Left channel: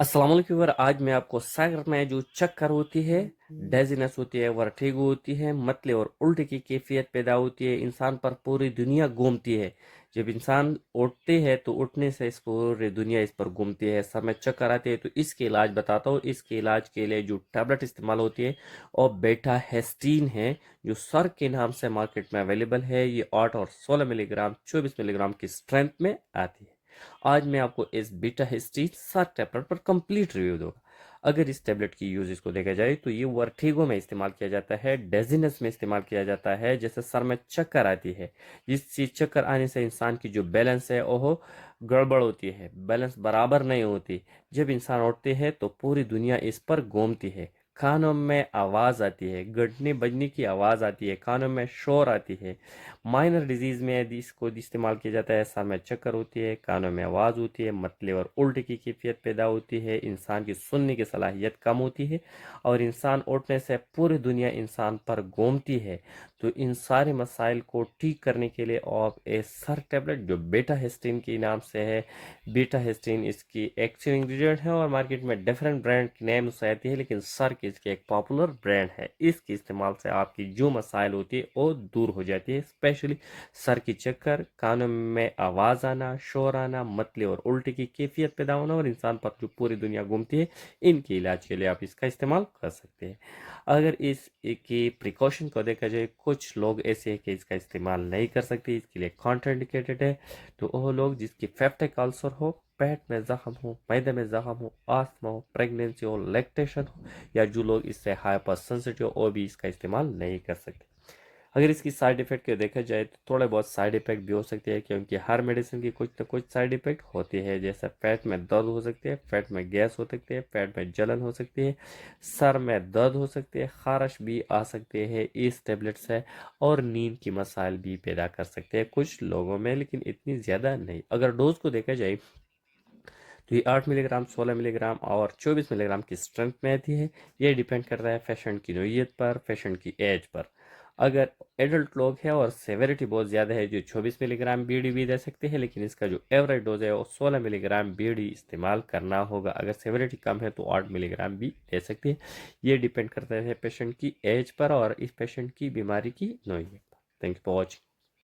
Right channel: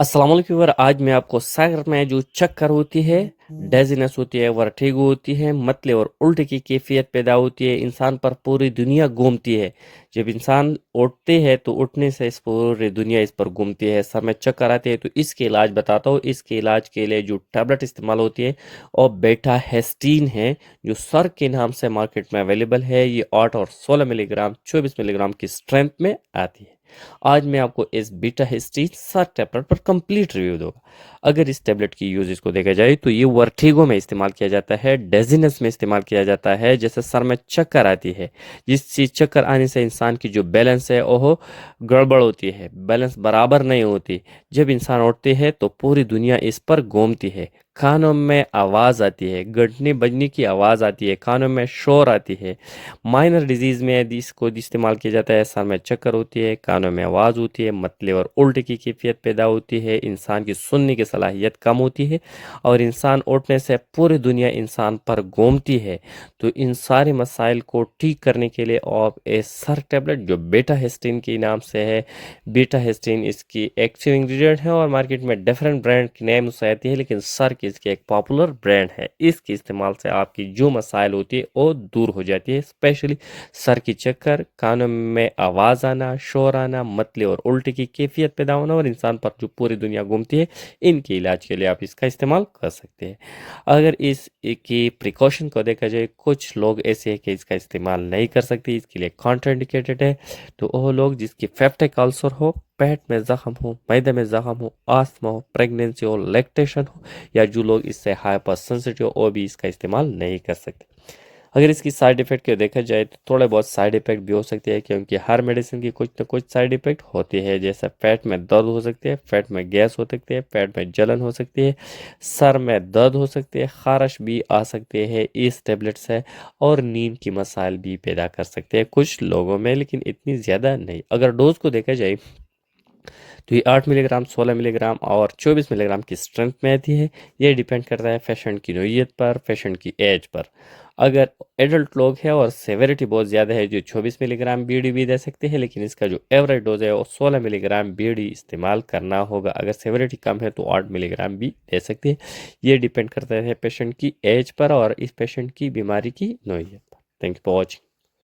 अस्सलाम वालेकुम व्यूअर। आज मैं आपको सर में जो चक्कर होती है, डेजीनेस होती है, वर्टिगो होती है, मतले और उल्टे की कैफियत पैदा होती है, इंसान पर पूरी दुनिया घूमती है। जब इंसान उठते हैं तो उठने से इस पूरी दुनिया इस पर घूमती है, सर में चक्कर आते हैं। तो इसके इलाज बताता हूँ। इसके इलाज के लिए जो टैबलेट इस्तेमाल होती है और बेटा हेस्टीन है, जो सर के नाम से मार्केट में अवेलेबल है। ये 8 और 16 मिलीग्राम 24 मिलीग्राम की स्ट्रेंथ में आती है। आज मैं आपको इस बीटा हिस्टीन सर टैबलेट पर कंप्लीट रिव्यू दूंगा। अगर इस टैबलेट की यूज इसको देखा जाए तो ये वर्टिगो में इस्तेमाल किया जाता है, डेजीनेस में इस्तेमाल किया जाता है, जैसे सर में चक्कर आती है। जिससे चक्कर आने से इंसान की जो बैलेंस है वो गड़बड़ होती है, बैलेंस बराबर नहीं होती। जब इंसान उठते हैं तो पूरी दुनिया इस पर घूमती है। कानों में आवाज़ आती है, घंटने बजने की आवाज़ आती है, कानों में शोर आती है। माइनर डिजीज़ में यदि इसको इस्तेमाल किया जाता है, सर में चक्कर होती है, कानों में आवाज़ होती है, मतले और उल्टे की कैफियत पैदा होती है, इंसान की सुनने की सलाहियत कम होती है और इंसान उठने से पूरी दुनिया इंसान पर घूमती है। तो इन सारे मसाइल को ठीक करने के लिए आप ए सर टैबलेट जो बीटा हिस्टीन के नाम से है, बीटा हिस्टीन इसकी एक्टिव इंग्रेडिएंट है और मार्केट में डिफरेंट ब्रांड की नेम से आती है, लेकिन सर की इसकी एक पॉपुलर ब्रांड है। इसके इस्तेमाल से आपकी जो मसाइल होती है वो दूर हो जाती है, स्पेशली सर की चक्कर, कानों में आवाज़ आना, शोर आना, मतले और उल्टी की कैफियत पैदा होना और इंसान पर जो पूरी दुनिया घूमती है। इनके इलाज के लिए आप इसका इस्तेमाल कर सकते हैं। अगर इस की प्रिकॉशन को देखा जाए, कुछ लोग ऐसे हैं कि इसका इस्तेमाल नहीं कर सकते, इसके लिए कॉन्ट्राइंडिकेटेड है। तो वो लोग जिसकी पेप्टिक अल्सर हो, पेट में ज़ख्म हो, मैदे में ज़ख्म हो, आस्थमा हो, प्रेगनेंसी हो, लैक्टेशन हो, या जो लोग इससे हाइपर सेंसिटिव हो, वो भी इसका इस्तेमाल नहीं कर सकते। अगर इसकी साइड इफ़ेक्ट को देखा जाए तो थोड़े बहुत साइड इफ़ेक्ट भी हो सकते हैं, क्योंकि हर मेडिसिन की कुछ ना कुछ साइड इफ़ेक्ट होती है। जैसे पेट में दर्द हो सकती है, पेट में गैस हो सकती है, पेट में जलन हो सकती है, सर में दर्द हो सकती है, खारिश भी आ सकते हैं इस टेबलेट से, और नींद की मसाइल भी पैदा कर सकते हैं कुछ लोगों में, लेकिन इतनी ज़्यादा नहीं। अगर डोज को देखा जाए तो ये 8 मिलीग्राम, 16 मिलीग्राम और 24 मिलीग्राम की स्ट्रेंथ में आती है। ये डिपेंड करता है पेशेंट की नौइयत पर, पेशेंट की एज पर। अगर एडल्ट लोग हैं और सेवेरिटी बहुत ज़्यादा है, जो 24 मिलीग्राम बीडी भी दे सकते हैं, लेकिन इसका जो एवरेज डोज है वो 16 मिलीग्राम बीडी इस्तेमाल करना होगा। अगर सेवेरिटी कम है तो 8 मिलीग्राम भी दे सकते हैं। ये डिपेंड करता है पेशेंट की एज पर और इस पेशेंट की बीमारी की नौइयत पर। Thank you for watching.